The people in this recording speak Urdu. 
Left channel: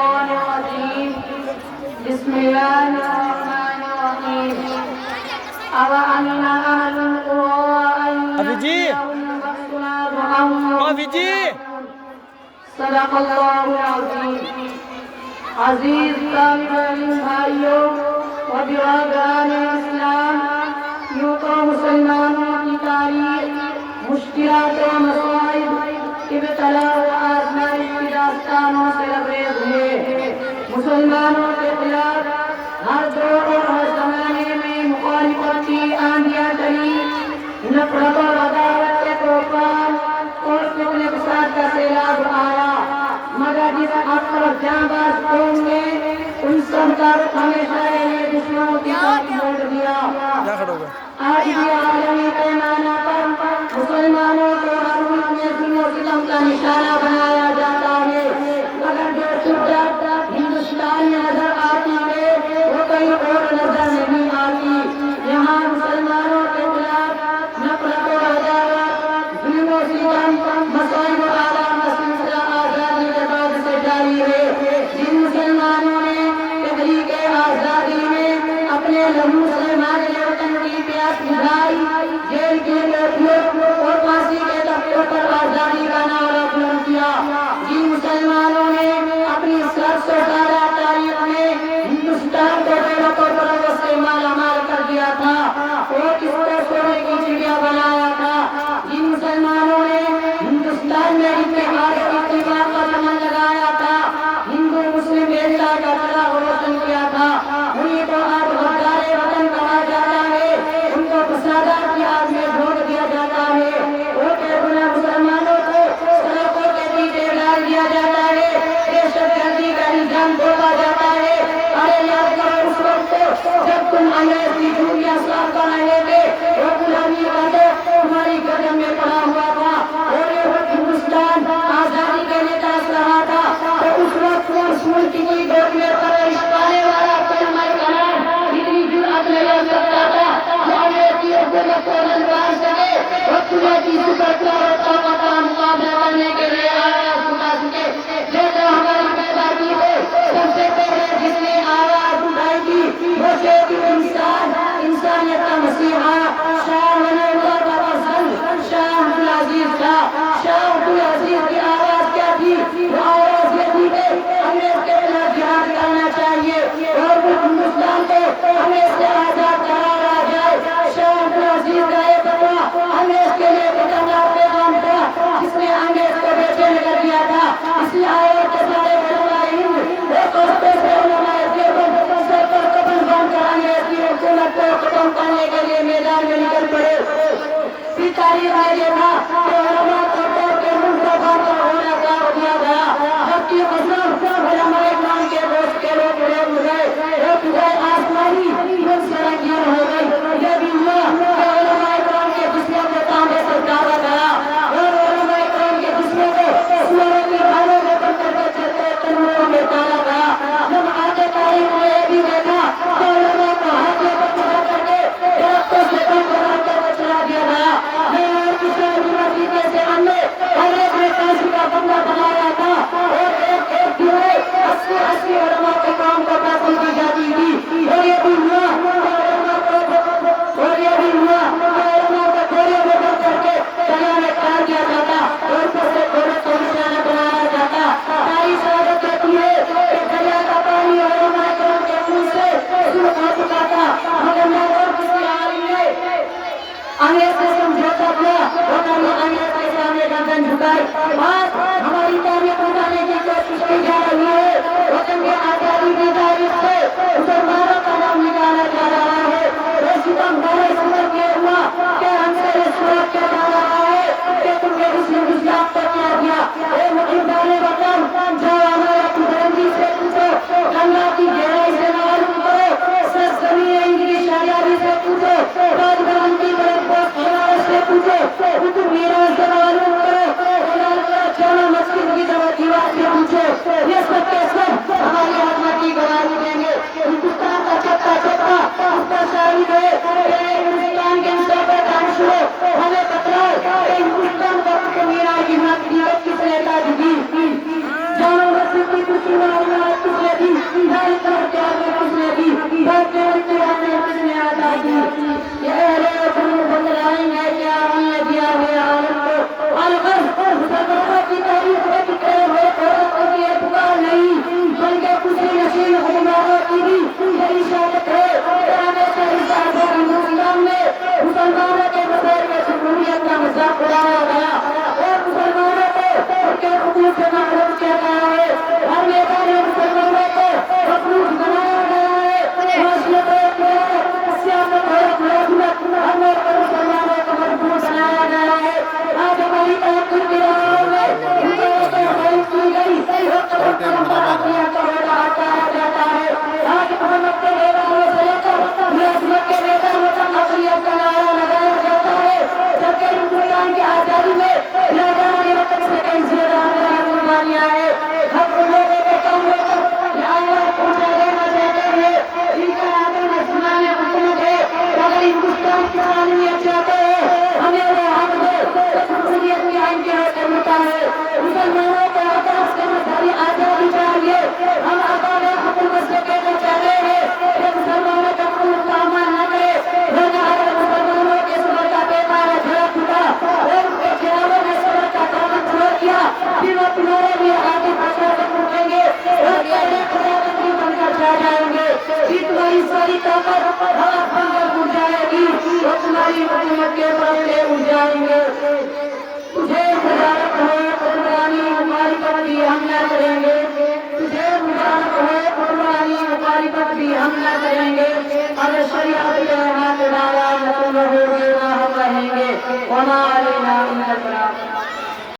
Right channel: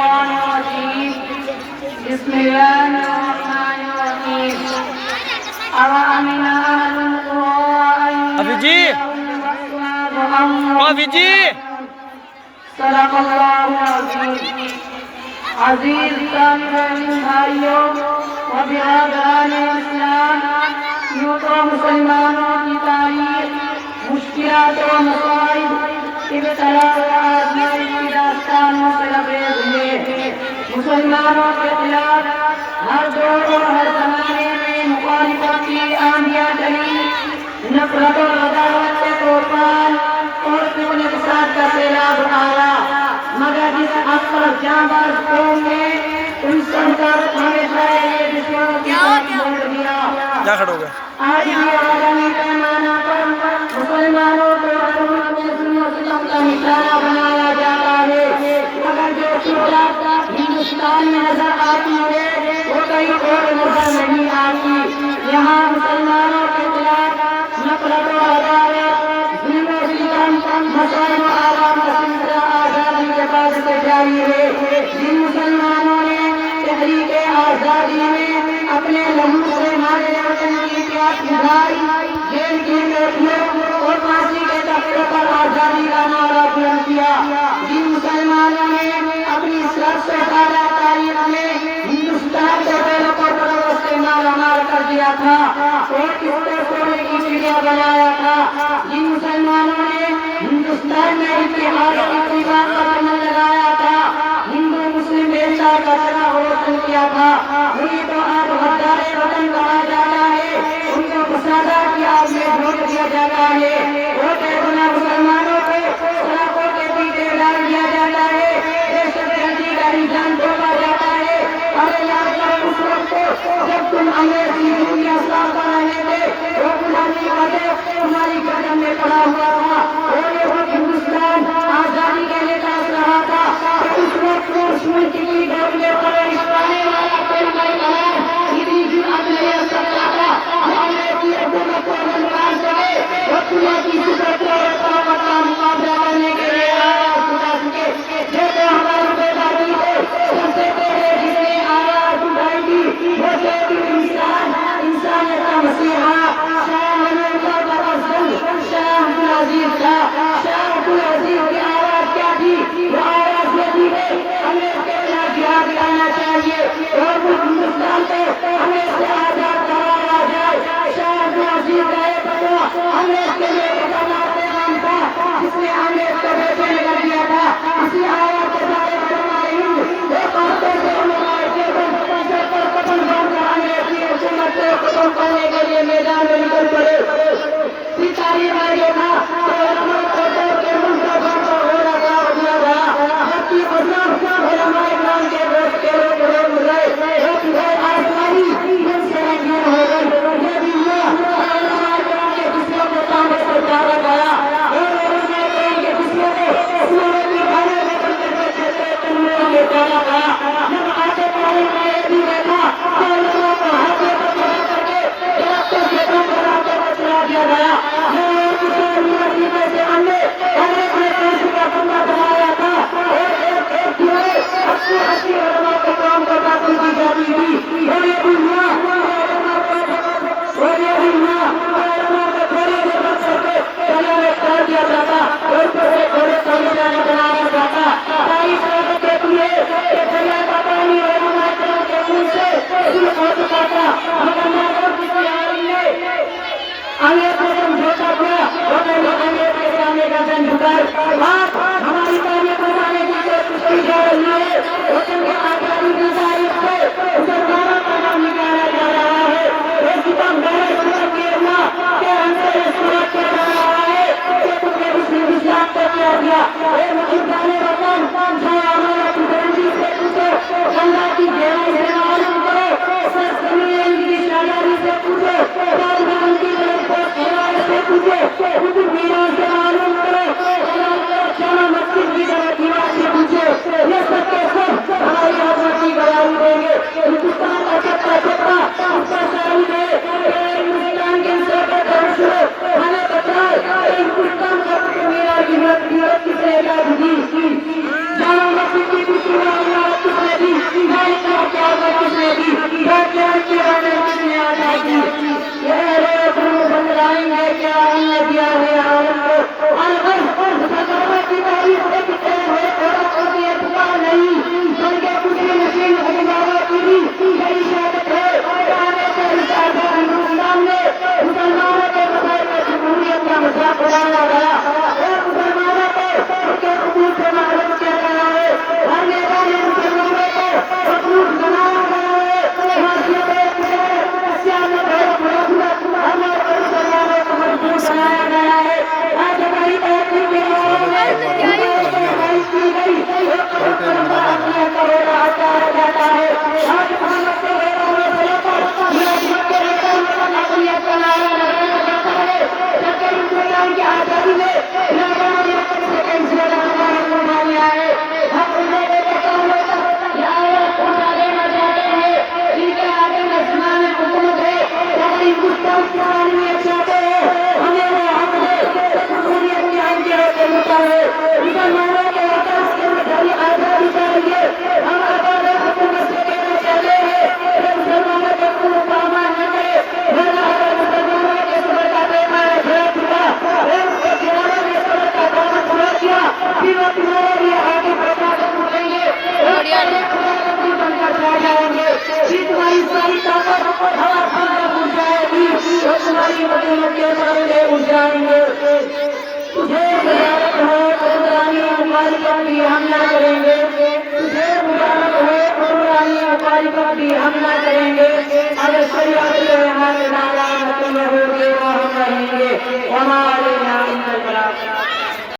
الشيطان الرجيم بسم الله الرحمن الرحيم أوأمن أهل القرى أن يأتيهم بأسنا ضحى صدق الله العظيم عزیز طالب علم بھائیوں و برادران اسلام، یوں تو مسلمانوں کی تاریخ مشکلات و مصائب، ابتلا و آزمائش کی داستانوں سے لبریز ہے۔ مسلمانوں کے خلاف ہر دور اور ہر زمانے میں مخالفت کی آندیاں چلی، نفرت اور عداوت کے طوفان اور خون فساد کا سیلاب آیا، مگر جس اکبر جانباز قوم نے ان سب کر ہمیشہ یہ دشمنوں کی طرف موڑ دیا۔ آج بھی عالمی پیمانہ پر مسلمانوں کو ہر ملک میں ظلم و ستم کا نشانہ بنایا جاتا ہے، مگر جو شدت ہندوستان میں نظر آتی ہے وہ کہیں اور نظر نہیں آتی۔ یہاں مسلمانوں کے خلاف نفرت و عداوت، ظلم و ستم، مسائل و آرام کا سلسلہ آزادی کے بعد سے جاری ہے۔ جن مسلمانوں نے تحریک آزادی میں اپنے لہو سے ہمارے وطن کی پیاس بجھائی، جیل کی بیٹھیوں اور پھانسی کے تختوں پر آزادی کا نعرہ بلند کیا، جن مسلمانوں نے اپنی 700 سالہ تاریخ میں ہندوستان کو پہلے پرتوں سے مالا مال کر دیا تھا اور اس کو سونے کی چڑیا بنایا تھا، جن مسلمانوں نے ہندوستان میں اتحاد کی دیوار کا بنا لگایا تھا، ہندو مسلم ایکتا کا سرا روشن کیا تھا، انہیں تو آج غدار وطن کہا جاتا ہے، ان کو فسادات کی آگ میں جھونک دیا جاتا ہے، اور بے گناہ مسلمانوں کو سڑکوں کے پیچھے ڈال دیا جاتا ہے، دہشت گردی کا نظام تھوپا جاتا ہے۔ ارے یاد کرو اس وقت جب تم انگریز کی ڈوریاں صاف کر رہے تھے، وہ غلامی کا درد تمہاری گردن میں پڑا ہوا تھا اور یہ وقت ہندوستان آزادی کے لیے ترس رہا تھا، تو اس وقت اس ملک کی گود میں پرورش پانے والا کلمہ کلام اتنی جرأت نہیں رکھ سکتا تھا کہ انگریز کی حکومت کو نہ مار سکے اور خدا کی صفت اور طاقت کا مقابلہ کرنے کے لیے آواز اٹھا سکے۔ دیکھو ہماری بیداری کو سب سے پہلے جس نے آواز اٹھائی تھی وہ شہید انسان، انسانیت کا مسیحا شاہ ولی اللہ بابا شاہ عبدالعزیز تھا۔ شاہ عبدالعزیز کی آواز کیا تھی؟ وہ آواز یہ تھی کہ انگریز کے خلاف جہاد کرنا چاہیے اور وہ ہندوستان کو انگریز سے آزاد کرانا جائے۔ شاہ عبدالعزیز کا یہ فتویٰ انگریز کے لیے خطرناک پیغام تھا جس نے انگریز کو بے چین کر دیا تھا۔ اسی آواز کے ساتھ ایک ہفتوں سے علماء دیوبند سر پر کفن باندھ کر انگریز کی حکومت کو ختم کرنے کے لیے میدان میں نکل پڑے۔ پھر تاریخ میں یہ تھا کہ علماء کو توڑ کے مصطفیٰ کو گھوڑا گاڑ دیا گیا، جبکہ قسم علماء اکرام کے دوست کے لوگ روک گئے، ایک گئے آسمانی پھر سرنگین ہو گئی۔ یہ بھی ہوا کہ علماء اکرام کے جسموں کو تانبے سے اتارا گیا اور علماء اکرام کے جسموں کو سوروں کے گھاڑے میں بند کر کے چلتے تنویر میں اتارا گیا۔ جب آگے تاریخ میں یہ بھی دیکھا کہ علماء کو ہاتھوں پر چڑھا کر کے درختوں سے بند کرا کر چلا دیا گیا۔ اور کسی یونیورسٹی سے بندے انگریز نے پھانسی کا بندہ بنایا تھا اور ایک ایک دھوئے 80 علماء کے کام کو پھانسی دی جاتی تھی۔ اور یہ بھی ہوا کہ علماء کو گھوڑے میں بند کر کے دریا میں ڈال دیا جاتا اور اوپر سے گھوڑے کو نشانہ بنایا جاتا۔ تاریخ ثابت دیتی ہے کہ دریا کا پانی علماء اکرام کے خون سے سرخ ہو چکا تھا، مگر محبوب کسی عالم نے انگریز سے سمجھوتا کیا اور انگریز کے سامنے گردن جھکائی۔ آج ہماری تاریخ بتانے کی کوشش کی جا رہی ہے، وطن کے آزادی کی تاریخ سے مسلمانوں کا نام نکالا جا رہا ہے۔ یہ ستم بڑے صورت یہ ہوا کہ ہم سے یہ صورت چلا رہا ہے کہ تم نے مسلم اسلام کو کیا دیا۔ اے محبان وطن، جاؤ ہمارا بلندی سے پوچھو، اللہ کی گہرائی سے معلوم کرو، سرزمین کی شادی سے پوچھو، طالبان کی طرف سے پوچھو، اردو میروں سے معلوم کرو، جامع مسجد کی طرح دیوار سے پوچھو، یہ سب کے سب ہماری عظمت کی گواہی دیں گے۔ ہندوستان کا چپا چپا اس پر شاہد ہے کہ ہندوستان کے سو پر دھرش ہو، ہمیں پتہ ہے کہ ہندوستان کا مینار کی مت کس نے تاج دی۔ جامع مسجد کی کچھ کی نے کتنے عطا کی یہ اہل کو بتلائیں گے کیا ہم نے دیا ہے عورت کو اور مسلمانوں کی تاریخ میں کتنے ہوئے عورت کو بھی اعتبار نہیں بلکہ کسی نشین حکمرانوں کی بھی بڑی شہادت ہے کہنے سے ہندوستان میں مسلمانوں کے مسائل میں جمہوریت کا مذاق اڑایا گیا اور مسلمانوں کو ان کے حقوق سے محروم کیا گیا ہے ہر میدان میں مسلمانوں کو حقوق بنایا گیا ہے معاشیت سیاست ہے ہر موقع پر مسلمانوں کو مضبوط بنایا گیا ہے آج ہماری تحقیق کی راہوں میں ہندوؤں کو خواہش کی گئی وہ قدر پرمپرا کا ہو رہا جاتا ہے آج محمد کے میدانوں سے لے کر ملازمت کے میدانوں تک اقلیت کا نعرہ لگایا جاتا ہے جبکہ ہندوستان کی آزادی میں لوگوں نے رقم سے کئی زیادہ ہماری قربانیاں ہیں ہم ان لوگوں کو کاموں تک یہ آواز پہنچا دینا چاہتے ہیں جن کے آگے نظمان حکومت ہے اگر ہندوستان کی تعلیمیت چاہتے ہیں ہمیں وہ حق دے جمہوریت کے آئین کے ہوتا ہے مسلمانوں کے آکاش کے مداری آزادی چاہیے ہم آزاد حکومت سے کہنا چاہتے ہیں کہ مسلمانوں کا خون پامال نہ کرے ورنہ اگر مسلمانوں کے صبر کا پیمانہ جھڑا چکا ان کے خیالوں نے صبر کا دامن چھوڑ دیا پھر وہ تمہارے لیے آگے بڑھا کر اٹھیں گے اور پہلے خدا بندی بن کر چھا جائیں گے پھر تمہاری ساری طاقت ہوا بندر بن جائے گی اور تمہاری حکومت کے مسئلے اٹھ جائیں گے تجھے مبارک ہو قربانی مخالفت بھی ہم نہ کریں گے تجھے مبارک ہو قربانی مخالفت بھی ہم نہ کریں گے اگر شریعت کے ہاتھ ڈالا نہ تم رہو گے نہ ہم رہیں گے وما